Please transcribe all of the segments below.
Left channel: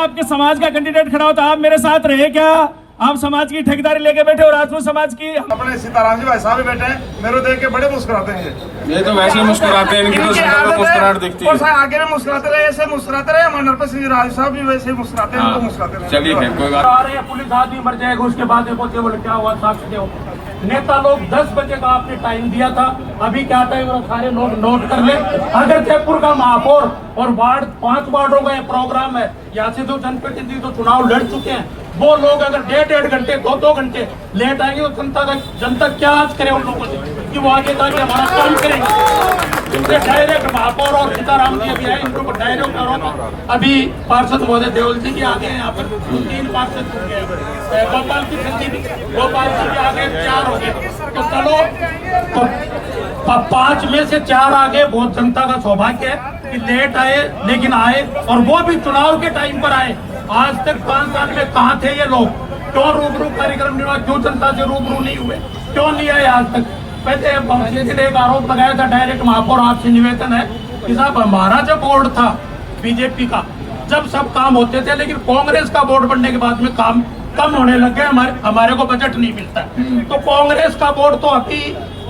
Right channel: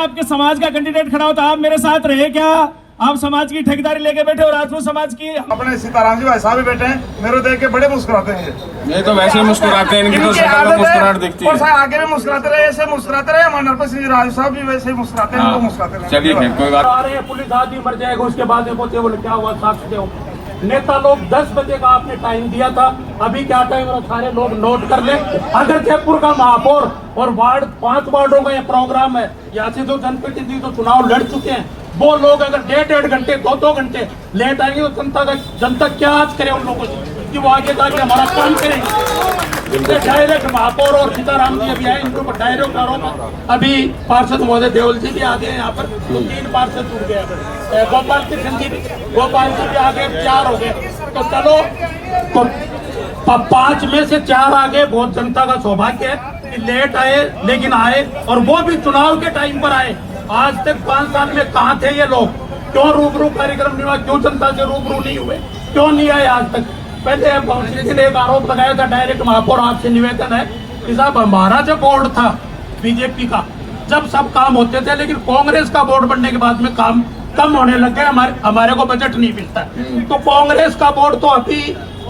आपके समाज का कैंडिडेट खड़ा होता, आप मेरे साथ रहे क्या? आप समाज की ठेकेदारी लेके बैठे और राजपूत समाज की अपने सीताराम जी भाई साहब भी बैठे हैं, मेरे को देख के बड़े मुस्कुराते हैं। ये तो वैसे ही मुस्कुराते हैं, इनकी तो शक्ल में मुस्कुराहट दिखती है। आगे भी मुस्कुराते रहे, ऐसे मुस्कुराते रहे। हमारे नरपत सिंह राज साहब भी वैसे ही मुस्कुराते हैं, उनको मुस्कुराते रहे। चलिए कोई बात। आ रही है पुलिस आदमी मर जाएगा, उसके बाद में बोलते बोले क्या हुआ साक्ष्य दो। नेता लोग 10 बजे का आपने टाइम दिया था, अभी क्या टाइम है सारे लोग नोट कर ले। अगर जयपुर का महापौर और वार्ड 5 वार्डों का प्रोग्राम है, यहाँ से जो जनप्रतिनिधि तो चुनाव लड़ चुके हैं, वो लोग अगर 1.5 घंटे 2 घंटे लेट आएंगे तो जनता क्या आज करे उन लोगों से कि वो आगे जाके हमारा काम करेंगे। डायरेक्ट महापौर और सीताराम जी अभी आए, इनको डायरेक्ट करो। अभी पार्षद महोदय देवल जी भी आ गए यहाँ पर, 3 पार्षद हो गए। गोपाल जी आ गए, 4 हो गए। तो चलो तो 5 में से 4 आ गए। बहुत जनता का सौभाग्य है कि लेट आए लेकिन आए, और वो भी चुनाव के टाइम पर आए। आज तक 5 साल में कहाँ थे ये लोग? क्यों रूबरू कार्यक्रम नहीं हुआ? क्यों जनता से रूबरू नहीं हुए? क्यों नहीं आए आज तक? पहले एक आरोप लगाया था डायरेक्ट महापौर, आपसे निवेदन है कि साहब हमारा जो बोर्ड था बीजेपी का, जब सब काम होते थे, लेकिन कांग्रेस का बोर्ड बनने के बाद में काम कम होने लग गए, हमारे को बजट नहीं मिलता। तो कांग्रेस का बोर्ड तो अभी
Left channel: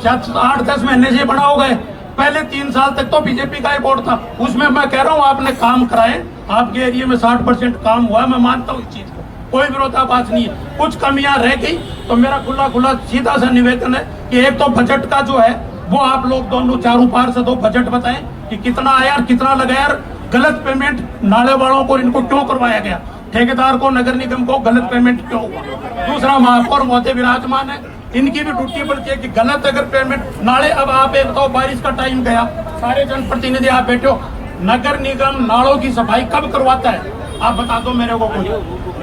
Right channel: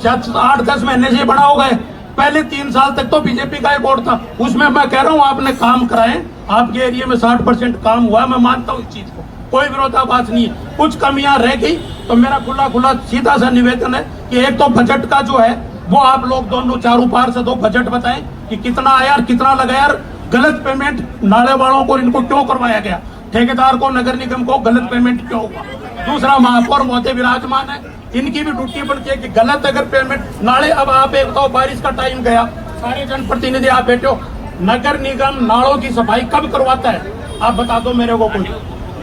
8-10 महीने से बड़ा हो गए। पहले 3 साल तक तो बीजेपी का ही बोर्ड था। उसमें मैं कह रहा हूँ आपने काम कराए, आपके एरिया में 60% काम हुआ, मैं मानता हूँ इस चीज को, कोई विरोधाभास नहीं है। कुछ कमियां रह गई तो मेरा खुला सीधा सा निवेदन है कि एक तो बजट का जो है वो आप लोग दोनों चारों पार्षदों बजट बताएं कि कितना आया और कितना लगाया। गलत पेमेंट नाले वालों को इनको क्यों करवाया गया, ठेकेदार को, नगर निगम को गलत पेमेंट क्यों हुआ। दूसरा, महापौर महोदय विराजमान है, इनकी भी ड्यूटी बनती है कि गलत अगर पेमेंट नाले, अब आप एक तो बारिश का टाइम गया, सारे जनप्रतिनिधि आप बैठे हो, नगर निगम नालों की सफाई कब करवाता है? आप बता दो मेरे को कुछ।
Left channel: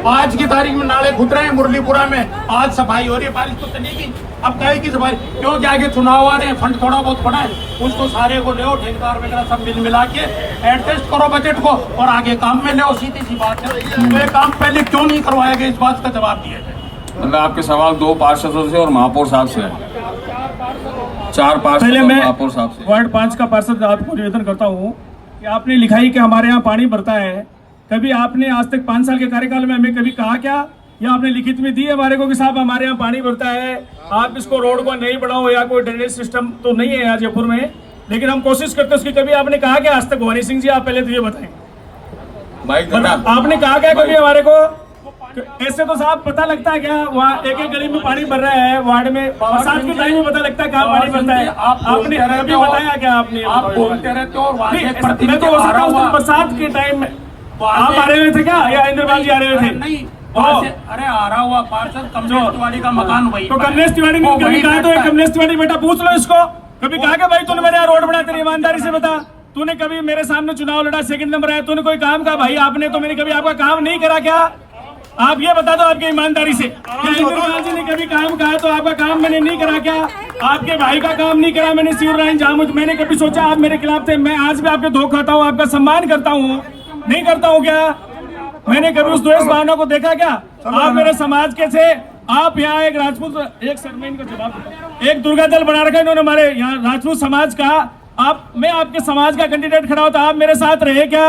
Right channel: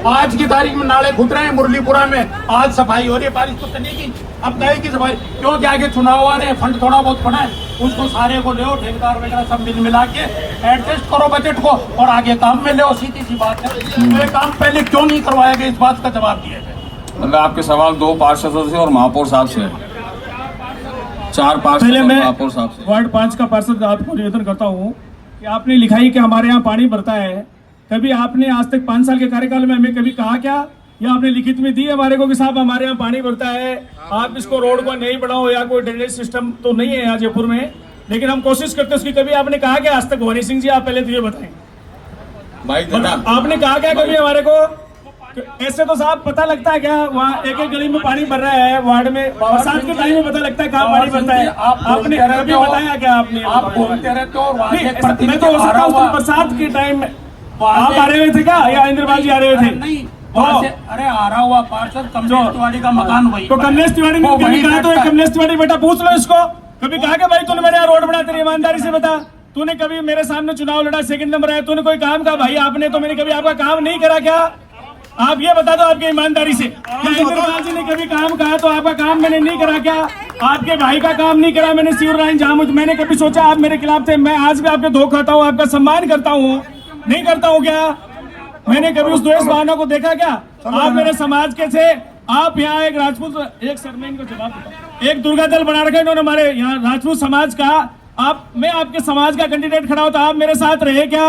आज की तारीख में नाले खुद रहे हैं मुरलीपुरा में, आज सफाई हो रही है। बारिश तो चलेगी, अब कहे की सफाई क्यों? आगे चुनाव आ रहे हैं, फंड थोड़ा बहुत पड़ा है, उसको सारे को ले, ठेकेदार वगैरह सब मिला के एडजस्ट करो बजट को और आगे काम में ले। सीधी सी बात है, तो ये काम पहले क्यों नहीं करवाया गया, इस बात का जवाब दिया जाए। मतलब आपके सवाल 2 पार्षदों से और महापौर साहब से, 4 पार्षद पहले मैं महापौर साहब से। वार्ड 5 का पार्षद आपको निवेदन करता हूँ कि आपने लिखाई कि हमारे यहाँ पानी भरता है, कभी आपने आज तक 5 साल के कार्यकाल में हमें कभी कहा क्या, या आपने लिखित में दी हमारे को कि साहब हमारे यहाँ पानी भरता है, आप इसको रोड को नहीं बढ़ाओ, या कोई ड्रेनेज सिस्टम तो नहीं है यहाँ जयपुर में, लेकिन हम कोशिश करते हैं उसकी। कभी आपने कहा क्या आज तक? भवानी सिंह जी आप पहले तो ये बताएं, आपने कहा क्या कभी हमारे को? ऐसे तो साहब पता लगता है क्या वहाँ एक गली में पानी भर रहा है, वार्ड में बरसात के टाइम में पता लगता है कहाँ पानी भरता है? आपने कभी बताया क्या? आपने आप बोलते रहते हो, मैं तो हो सकता हूँ बरसात के टाइम में आप आ रहे थे क्या, या इंद्रपाल जी आ रहे थे? नहीं, अरे आ रहा हुआ पार्षद कमलेश तिवारी का मकान वही। तो कमलेश तिवारी ने कभी कहा? तो कमलेश तिवारी बेटा पूछ लो इसको, कभी कहा कि भाई तूने मेरे यहाँ रोड बना, तेरी ईमानदारी से बता, तूने कभी मेरे सामने चुनाव लड़ा, 2nd नंबर आया, तूने कोई काम कहा भाई आपने? तो मैंने कभी आपका काम नहीं करा क्या? आप ये बता दो आपकी ईमानदारी से। इंद्रपाल जी ने कभी काम कहा तो आपका काम मैंने नहीं करा क्या? आपके भाई का काम नहीं करा मैंने, शिवरायन जामुद? मैंने कभी सोचा आप मेरे खिलाफ थे? मैं आज भी आपके धो खाता हूँ, आपका सम्मान करता हूँ, नहीं करता हूँ क्या? मैंने कभी उस द्वेष भावना को देखा क्या? आप मेरे समाज के थे, आप यहाँ एक राजपूत, एक सरमेन को जवाब देता, एक दुर्गा दल बना रखा इन्होंने हमारे यहाँ राजपूत समाज का। आप, मैं आपके समाज का कैंडिडेट खड़ा होता, आप मेरे साथ रहे क्या?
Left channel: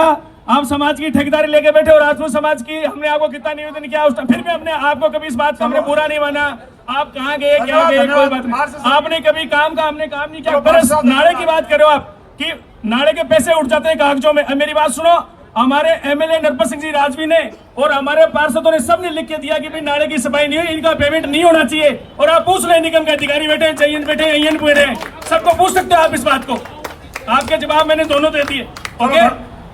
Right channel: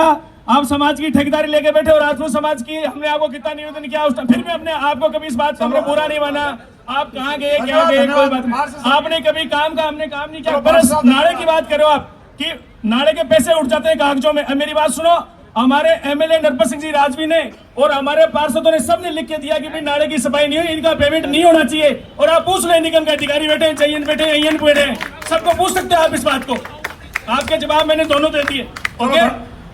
आप समाज की ठेकेदारी लेके बैठे हो, राजपूत समाज की। हमने आपको कितना निवेदन किया उस टाइम, फिर भी हमने आपको कभी इस बात का हमने बुरा नहीं माना। आप कहाँ गए, क्या गए, कोई बात नहीं। आपने कभी काम का, हमने काम नहीं किया। बस नाले की बात करो आप कि नाले के पैसे उठ जाते हैं कागजों में। मेरी बात सुनो, हमारे एमएलए नरपत सिंह जी राजवी ने और हमारे पार्षदों ने सबने लिख के दिया कि भाई नाले की सफाई नहीं हुई, इनका पेमेंट नहीं होना चाहिए। और आप पूछ रहे निगम के अधिकारी बैठे, चाहिए बैठे, बैठे हैं, सबको पूछ सकते हो आप इस बात को। आपके जवाब मैंने दोनों दे दिए। ओके,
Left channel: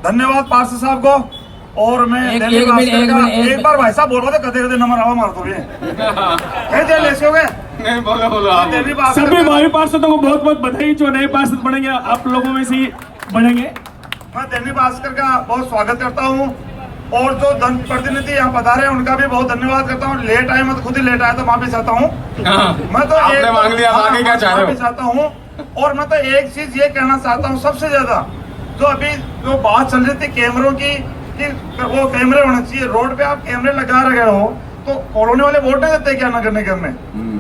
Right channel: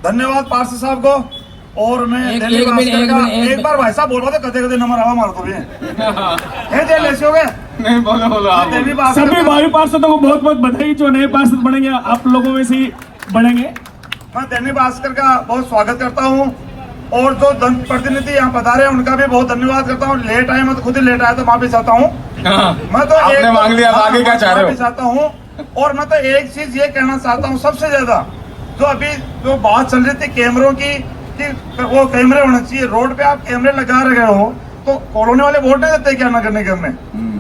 धन्यवाद पार्षद साहब को। और मैं एक बार भाई साहब बोल रहा था, कदे नंबर आवा मारो तो भी हो गए। सभी भाई पार्षदों को बहुत बहुत बधाई, जो नए पार्षद बनेंगे आप लोगों में से ही बनेंगे। मैं दैनिक भास्कर का बहुत स्वागत करता हूँ, और जो जनप्रतिनिधि यहाँ पधारे हैं उनका भी बहुत धन्यवाद करता हूँ। लेट आए, मैं तो खुद ही लेट आया तो माफी चाहता हूँ। मैं तो आपने मांग लिया, आगे क्या चाह रहे हो? चाहता हूँ। और मैं तो एक चीज ये कहना चाहता हूँ, सबसे ज्यादा जो अभी जो बात चल रही थी कैमरों की, कि वो कैमरे होने चाहिए रोड पे, आप कैमरे लगा रहे हो तो कॉलोनी वाले वोट नहीं देते क्या नगर निगम में,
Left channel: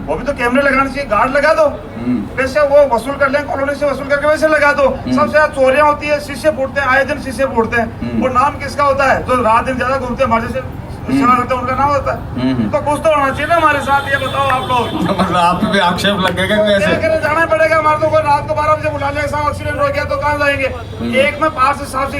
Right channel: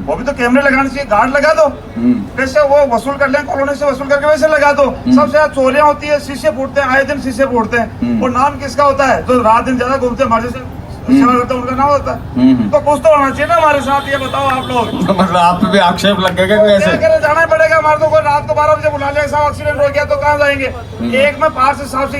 वो भी तो कैमरे लगाने चाहिए, गार्ड लगा दो, वैसे वो वसूल कर लें, कॉलोनी से वसूल करके वैसे लगा दो। सबसे ज्यादा चोरियां होती है, शीशे फूटते हैं, आए दिन शीशे फूटते हैं। वो नाम किसका होता है? जो रात दिन ज्यादा घूमते हैं, हमारे से सेवा करते हैं, उनका नाम होता है। तो कुछ तो होना चाहिए ना हमारे साथ, ये बताओ आप लोग। मतलब आप पे आक्षेप लगेगा क्या कैसे? करें, जाना पड़ेगा हमारे को। कोई रात को 12 बजे बुला लिया, साहब एक्सीडेंट हो गया, तो कहाँ जाएंगे? एक मैं पास से साहब से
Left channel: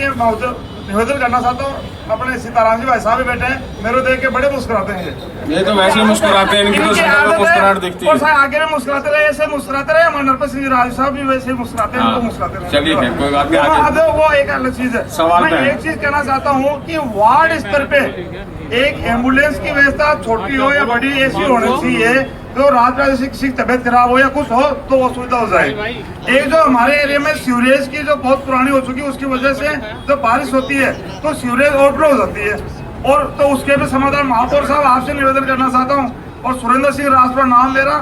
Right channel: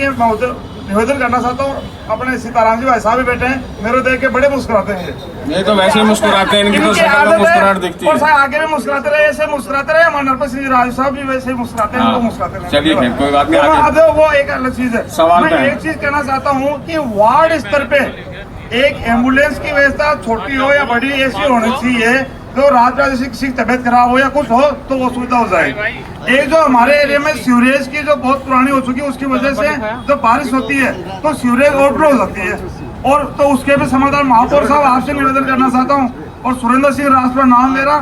निवेदन करना चाहता हूँ, अपने सीताराम जी भाई साहब भी बैठे हैं, मेरे देख के बड़े मुस्कुराते हैं। ये तो वैसे ही मुस्कुराते हैं, इनकी तो शक्ल में मुस्कुराहट दिखती और है। आगे भी मुस्कुराते रहे, ऐसे मुस्कुराते रहे। हमारे नरपत सिंह राज साहब भी वैसे ही मुस्कुराते हैं, हाँ, वो मुस्कुराते रहे। चलिए फिर कोई बात नहीं, आगे। अब वो एक अलग चीज है। सवाल मैं पे है। एक चीज कहना चाहता हूँ कि वार्ड स्तर पे एक एम्बुलेंस की व्यवस्था छोटी हो या बड़ी ऐसी होनी चाहिए, जो रात रात किसी की तबियत खराब हो या कुछ हो तो वो सुविधा हो जाए। एक जो हमारे एरिया में सीवरेज की जो बहुत पुरानी हो चुकी है, उसकी वजह से जब बारिश होती है तो सीवरेज ओवरफ्लो हो जाती है, और तो उसके भी समाधान महापौर साहब आपसे निवेदन करना चाहता हूँ। और सुरेंद्र सिंह राजपूत नाम ले रहा,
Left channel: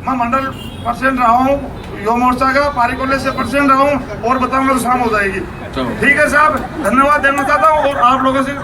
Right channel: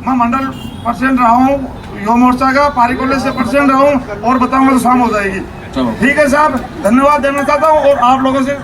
मैं मंडल प्रेसिडेंट रहा हूँ युवा मोर्चा का, पारी कॉलेज से प्रेसिडेंट रहा हूँ, और बताऊंगा तो शाम हो जाएगी। चलो। ठीक है साहब, धन्यवाद देना चाहता हूँ और आप लोगों से